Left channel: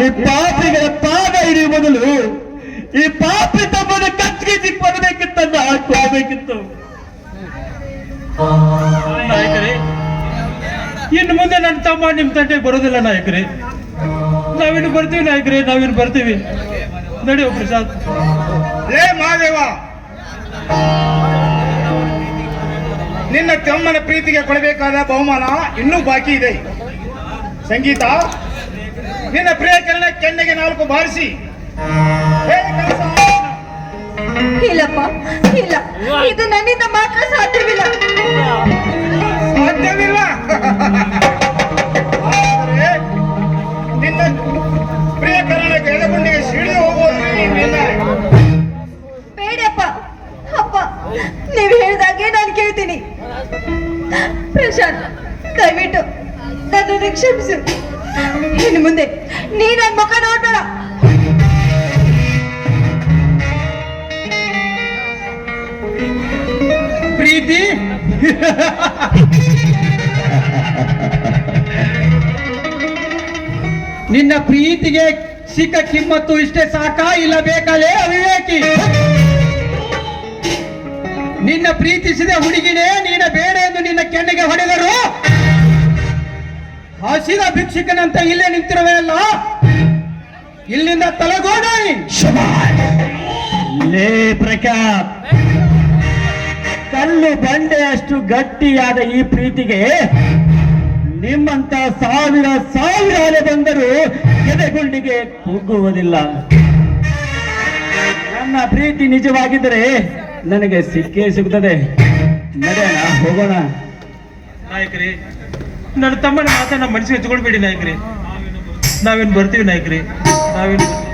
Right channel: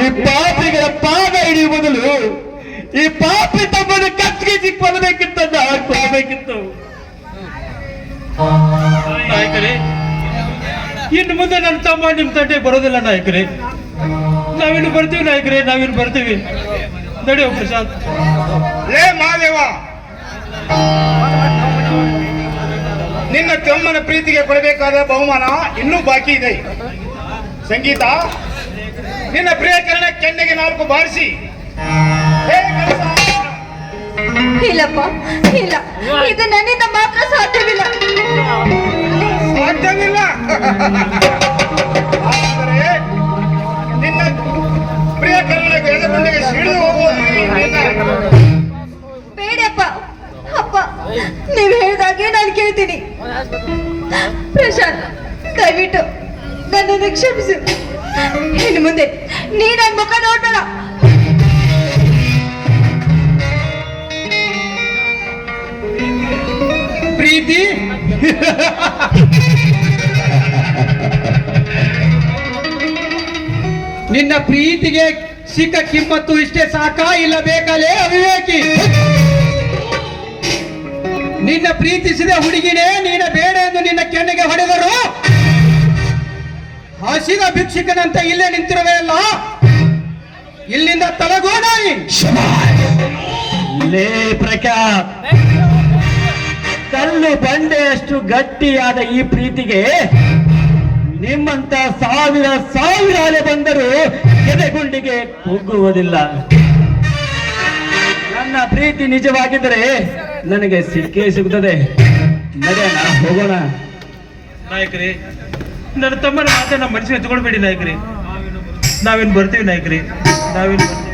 ಈ ಪಾಪಿಗಳ ಪಾದ ಹಿಡಿಯುವ ಮೊದಲು ಈ ಪಾಪಿ ತಮ್ಮನ ಕತ್ತಿಗೆ ಸಿಕ್ಕೊಡಬೇಕಿತ್ತಂದ ಕೊಡಬೇಕಿತ್ತು ನಾಯಕರೇ, ಇನ್ನು ಮುಂದೆ ನನ್ನ ತಮ್ಮ ನಿಮ್ಮ ತಂಟೆ ಬರೋದಿಲ್ಲ ನಾಯಕರೇ. ನಾವಿನ್ನು ಬರ್ತೀವಿ ನಾಯಕರೇ ನಾವಿನ್ನು ಬರ್ತೀವಿ. ನಡೆಯೋ ಪ್ರಸಾದ್ ಲೇ ಮಹಾದೇವ ನಿನ್ನ ತಮ್ಮನ ಪ್ರೀತಿಗೆ ಕೊಡಬೇಕಾದ ಬಹುಮಾನ ಇನ್ನೂ ಬಾಕಿ ಇದೆ. ಸಂಗೀತ ನಿನ್ನ ಪ್ರಿಯಕರಣ ಕೆನ್ನೆಗೆ ನಾಲ್ಕು ಬಾರಿಸಿ. ಇಲ್ಲಪ್ಪ ಇಲ್ಲ. ಇದು ನನ್ನಿಂದ ನೀವು ಹೇಳಿದಾಗೆ ನಾನು ಕೇಳ್ತೀನಿ. ಪ್ರಶಾಂತ್, ದಯವಿಟ್ಟು ನನ್ನ ಕ್ಷಮಿಸು. ಇನ್ನು ಮುಂದೆ ನೀ ನನ್ನ ಮುಖ ನೋಡೋಣ ಪ್ರೀತಿ? ನಿನ್ನ ಪ್ರೀತಿಗೆ ಸಿಕ್ಕ ಕಿಮ್ಮತ್ತು ಇಷ್ಟೇ ಸಾಕಾ ಇಲ್ಲ ಬೇಕಲ್ಲೇ ಅವಿವೇಕಿ? ನಿನ್ನ ಪ್ರೀತಿಸಿದ ಹುಡುಗಿನೇ ನೀನ ಬೇಡ ಎಂದು ನಿನ್ನ ಕೆನ್ನೆಗೆ ಹೊಡೆದರು. ಹಸಿದ ಭಿಕ್ಷುಕನಂತ ಇಲ್ಲೇ ನಿಂತಿರುವೆಯಲ್ಲ ಇಲ್ಲಿಂದ ತಲಗೋಣಿ ಲೇ ಪ್ರಖ್ಯಾತ್. ಕಲ್ಲು ಬಂಡೆಯಷ್ಟು ಗಟ್ಟಿಯಾದ ಈ ಪ್ರೀತಿಗೆ ನಿಮ್ಮಂತ ಸಾವಿರ ಸಾವಿರ ಅಲೆ ಬಂದರೂ ಎದೆಗುಂಡಿಗೆ ಕುಗ್ಗುವುದಿಲ್ಲ ನನ್ನ ಪ್ರೀತಿ ನಿಜವಾಗಿದ್ದರೆ ನನಗೆ ಸಿಕ್ಕೇ ಸಿಗ್ತದೆ. ನಡೆಯ ಹೋಗೋಣ. ನಾಯಕರೇ, ನನ್ನ ತಮ್ಮನ ಮಾತನ್ನ ಮನಸ್ಸಿಗೆ ತಗೊಳ್ಬೇಡಿ ನಾಯಕರೇ. ನಾವೇನು ಬರ್ತೀವಿ ನಾಯಕರೇ. ನಾವೇನು